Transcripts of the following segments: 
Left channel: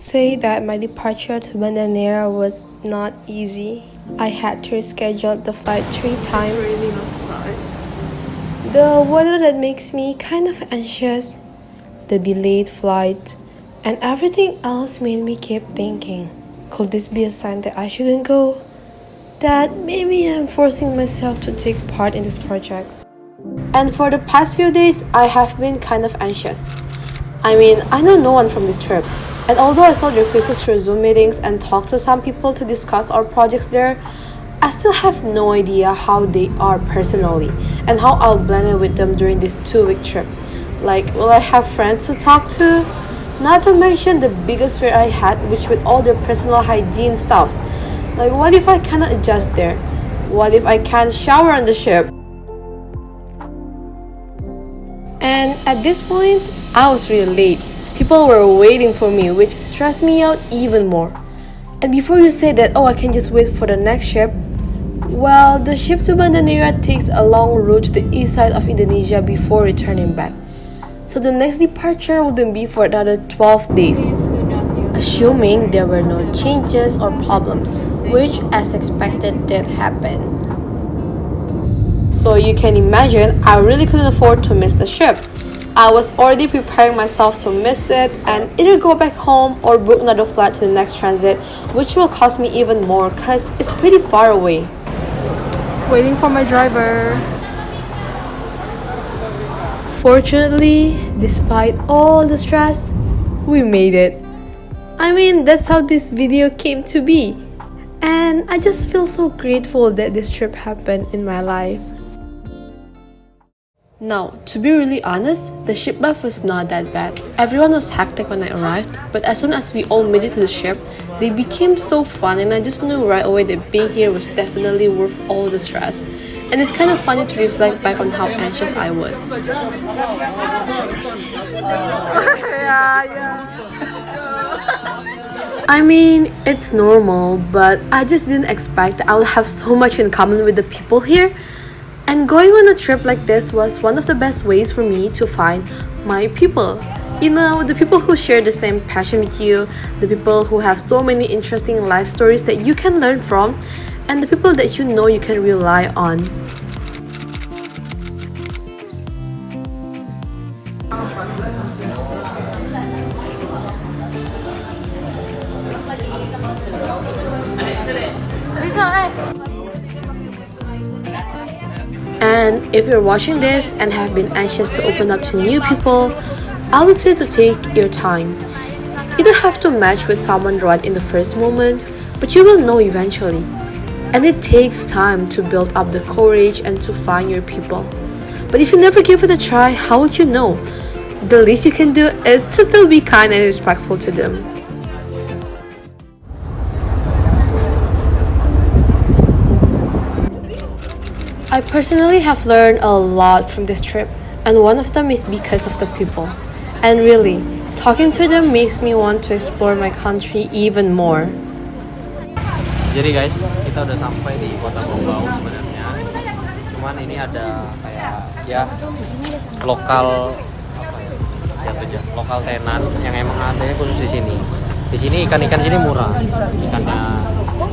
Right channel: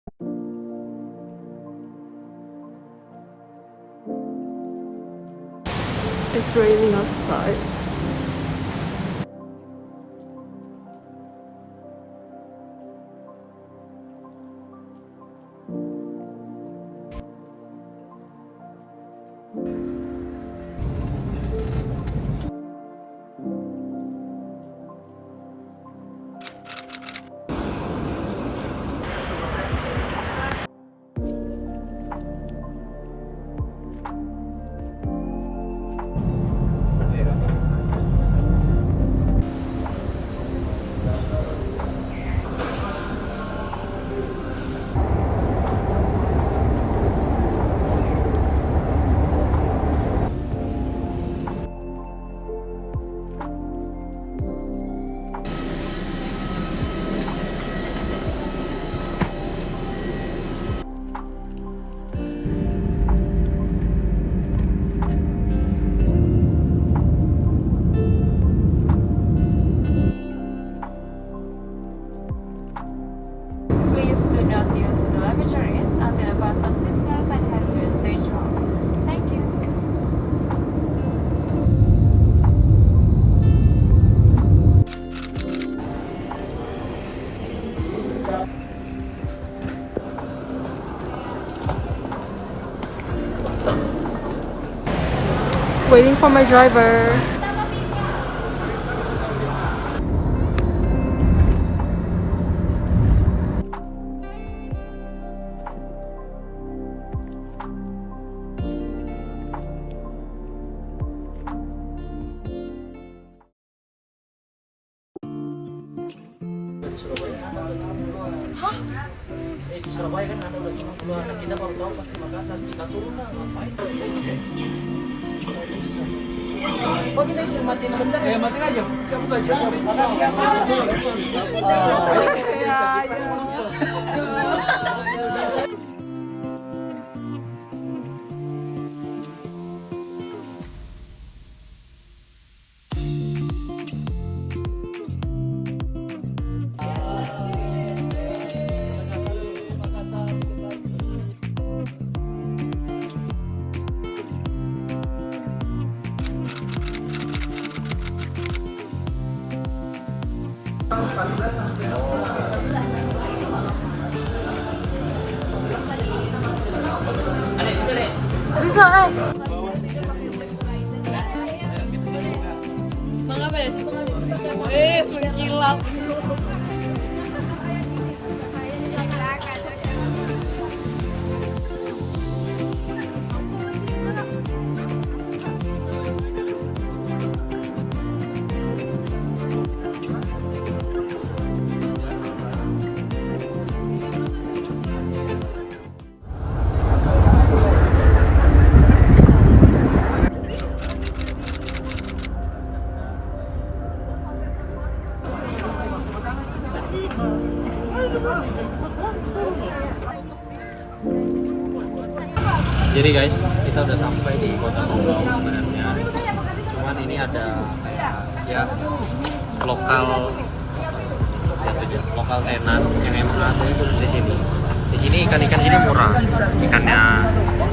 would say that my departure to Banda Neira was not easy. I had to reschedule the flight 3 times. It's raining outside. The weather that makes me kind of anxious, the delayed flight, and everything else made me keep thinking, could this be a sign that I shouldn't go? That maybe I'm forcing myself to take part in this project. And for the past few days, I have been kind of anxious. I mean, I know no one from this trip. And although I saw their faces through Zoom meetings and talked to some people to discuss our projects there, I still have no idea how they are personally and how I'll blend in with them during this 2-week trip. Like, will I have friends to talk to? Not to mention the biggest fear I had, which with all their personal hygiene stuffs. Like, what if I cannot adjust there? What if I can't shower on the ship? And at this point, I was really late. People were waiting for me, which stressed me out even more. And before you say that, oh, I can just wait for the next ship, well, the ship to Banda Neira takes a long route to the east side of Indonesia before returning back. So the next departure wouldn't be for another 12 days, assuming there were no changes or problems, which as expected did happen. So you can imagine, I really couldn't afford to miss the ship. I was already preparing myself to miss it and either go back home or book another flight to the next transit, which will cost me even more because it's pretty far away. Waiting for my driver. Fortunately, despite all the stress, we made it. I mean, that's how this video came to be. And I just feel so grateful that this trip happened in my life. Now, to be really honest, the ship life was not that bad. Everyone was hectic when I arrived, but as soon as we all made it to the ship, they became so fun and I just knew right away that being here was definitely worth all the stress. And it's kind of funny to reflect back on how anxious I was. I mean, it's normal, but I just didn't expect that I would have so much in common with the people here. And going on a trip like this was one of the best ways for me to find my people. You know, the people who share the same passion with you, the people who have so many interesting life stories that you can learn from, and the people that you know you can rely on. And if you're watching this and have been anxious to open up to new people, I would say to take your time. You don't have to match with someone right in the first moment, but you will know eventually. And it takes time to build up the courage and to find your people. But if you never give it a try, how would you know? The least you can do is to still be kind and respectful to them. I personally have learned a lot from this trip, and one of them is because of the people. And really, talking to them makes me want to explore my country even more. Jadi guys, kita udah sampai di kota Bau sebenarnya. Cuman ini ada kayak ya lokal lokal tenan yang emang adanya khusus di sini. Di sini ikan-ikan sini murah. Ikannya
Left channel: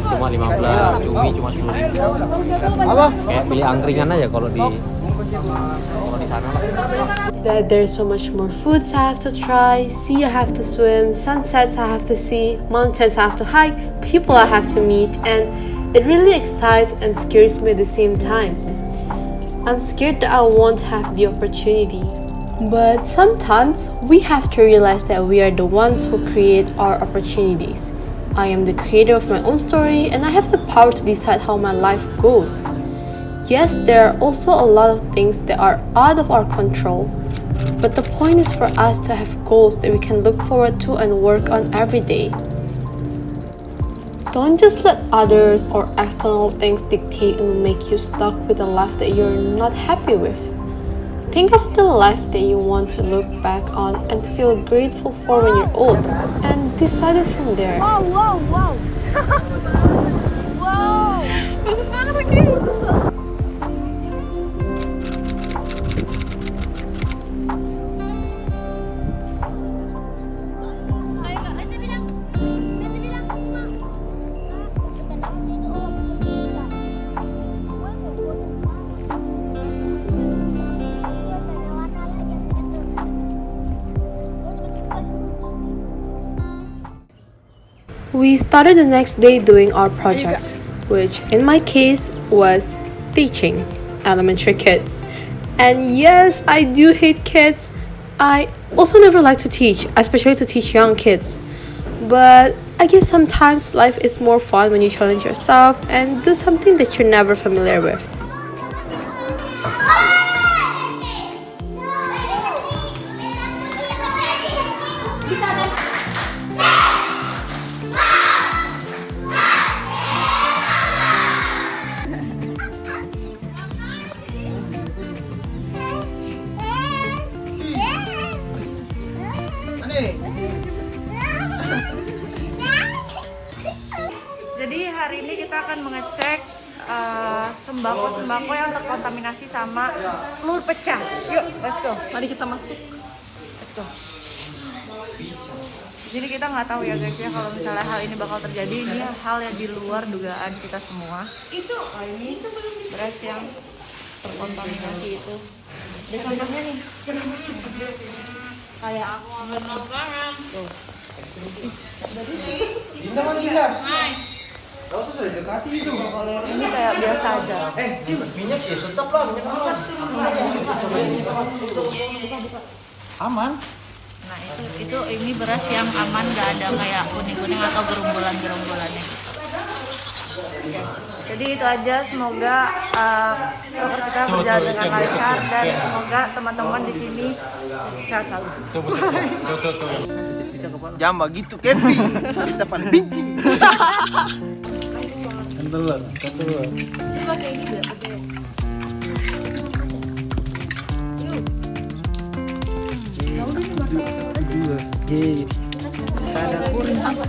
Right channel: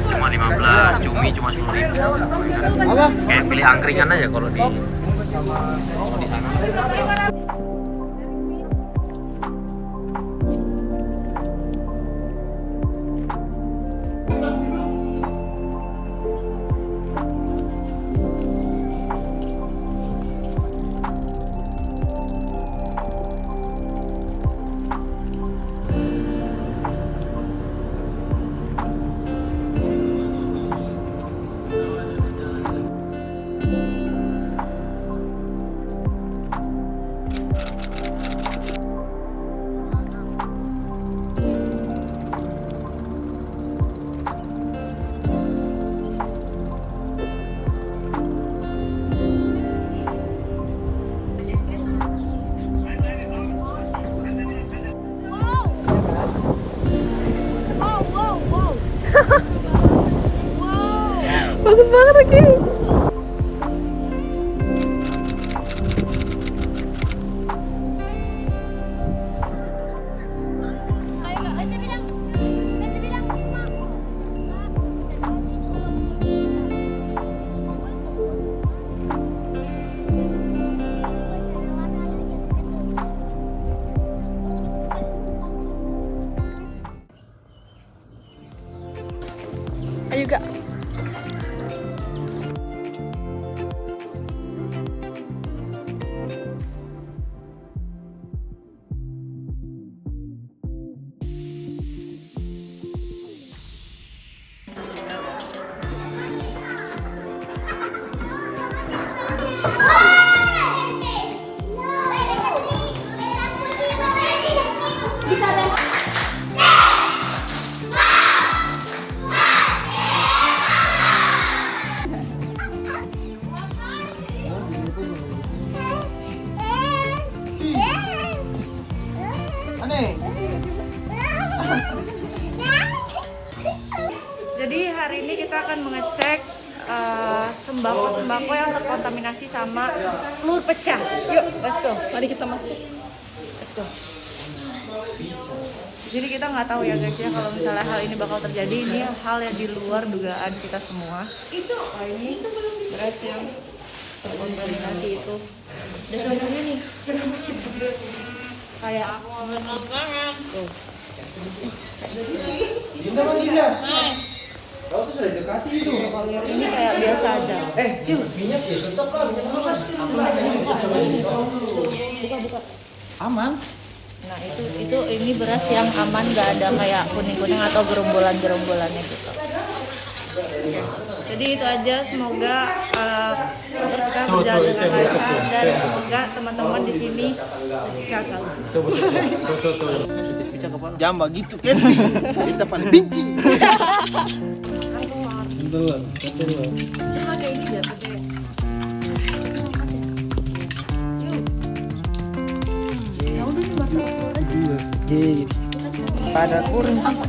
cuma 15, cumi cuma 10.000. Kayak pilih angkringan aja kalau di sana. That there's so much more foods I have to try, sea I have to swim, sunsets I have to see, mountains I have to hike, people I have to meet, and it really excites and scares me at the same time. I'm scared that I won't have the opportunity. But sometimes we have to realize that we are the ones who create our opportunities. I am the creator of my own story and I have the power to decide how my life goes. Yes, there are also a lot of things that are out of our control, but the point is for us to have goals that we can look forward to and work on every day. Don't just let others or external things dictate and make you stuck with a life that you're not happy with. Think of the life that you want to look back on and feel grateful for when you're old, and decide it from there. Oh, wow, wow. Wow. Bagus banget lagi. We started the next day doing our projects, which in my case was teaching elementary kids. And yes, I do hate kids. I also never like to teach, especially to teach young kids. But I guess sometimes life is more fun when you challenge yourself and do something that you're never familiar with. Jadi hari ini kita akan mengecek sembako-sembako yang terkontaminasi sama telur pecah. Yuk, let's go. Mari kita masuk. Let's go. Jadi kita nggak tahu ya guys ya kalau misalnya hal ini bakal terjadi. Ini hal yang di luar dugaan kita semua. Itu ini beras yang terkontaminasi itu. Biasanya nih kayak aku ngambil banget. Tuh. Gak usah sudah dekati itu. Kalau yang ini kayak biasa aja. Minyak ya tetap lah, minyak aman. Buka. Aman. Nah itu ini beras yang aman, gak ada kayak kuning-kuning atau gerombolan-gerombolannya. Ya. Jadi itu aja, semoga proker kita berjalan dengan lancar dan semoga teman-teman di sini sehat selalu. Jangan begitu Kevin, kita paling benci. Betul. Pakai ini ya, Ada kurang.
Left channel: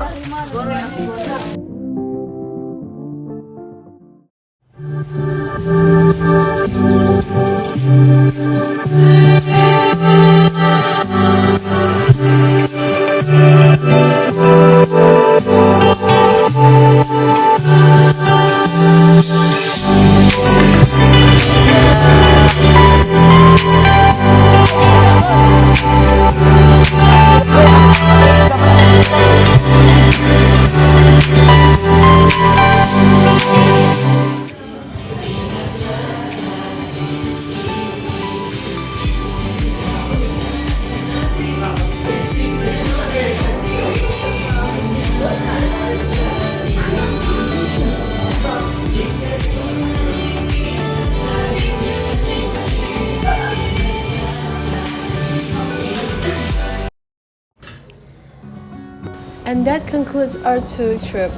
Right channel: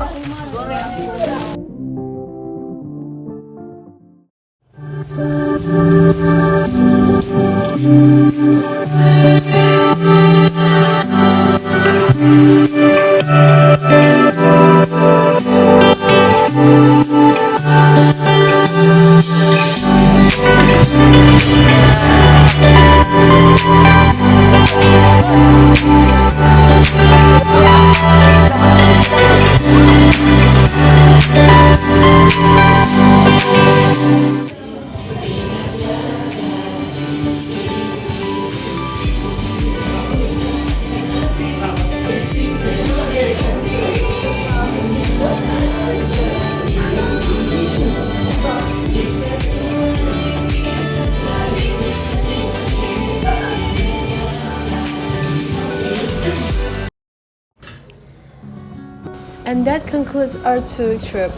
And that concludes our 2-week trip.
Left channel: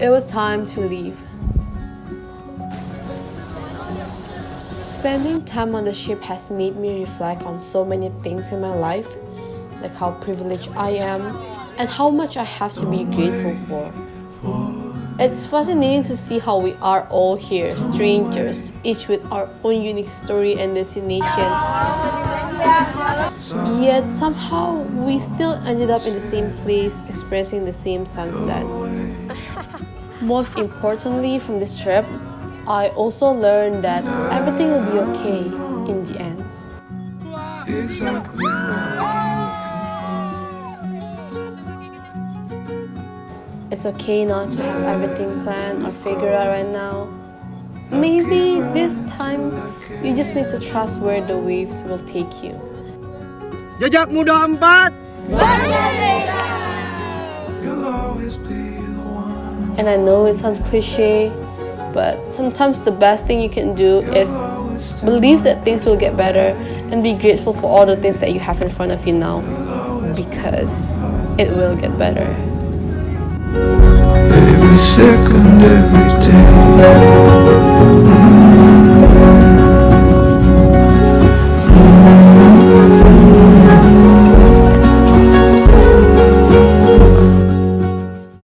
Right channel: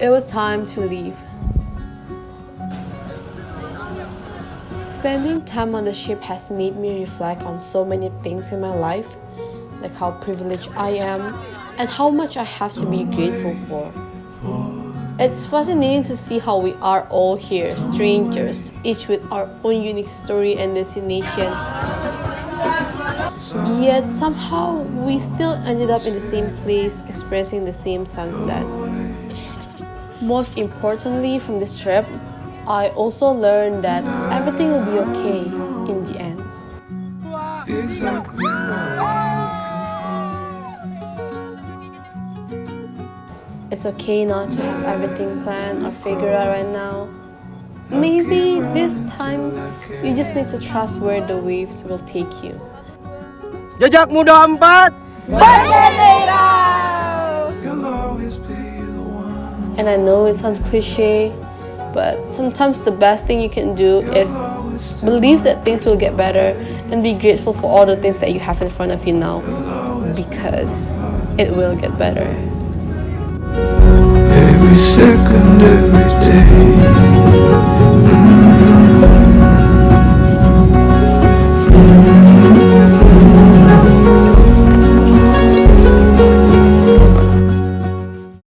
It was time to leave. Spending time on the ship has made me reflect on so many things in my life, like how privileged I am and how much I have to be grateful for. It's fascinating to see how we are all here, strangers, each with our own unique story and destination. Yet somehow we still ended up in the same place, experiencing the same sunset. Most importantly from this trip, I also learned that everything will be okay in the end. It's okay not to have everything planned or figured out right now. Maybe this time you just need to trust where the waves will take you. Jejak Muda 4. Banda Neira. And I know it sounds cliche, but sometimes the best thing you can do is believe that things will get better and be grateful for all the things that you have in front of you now, because it will get better. Every second, every day.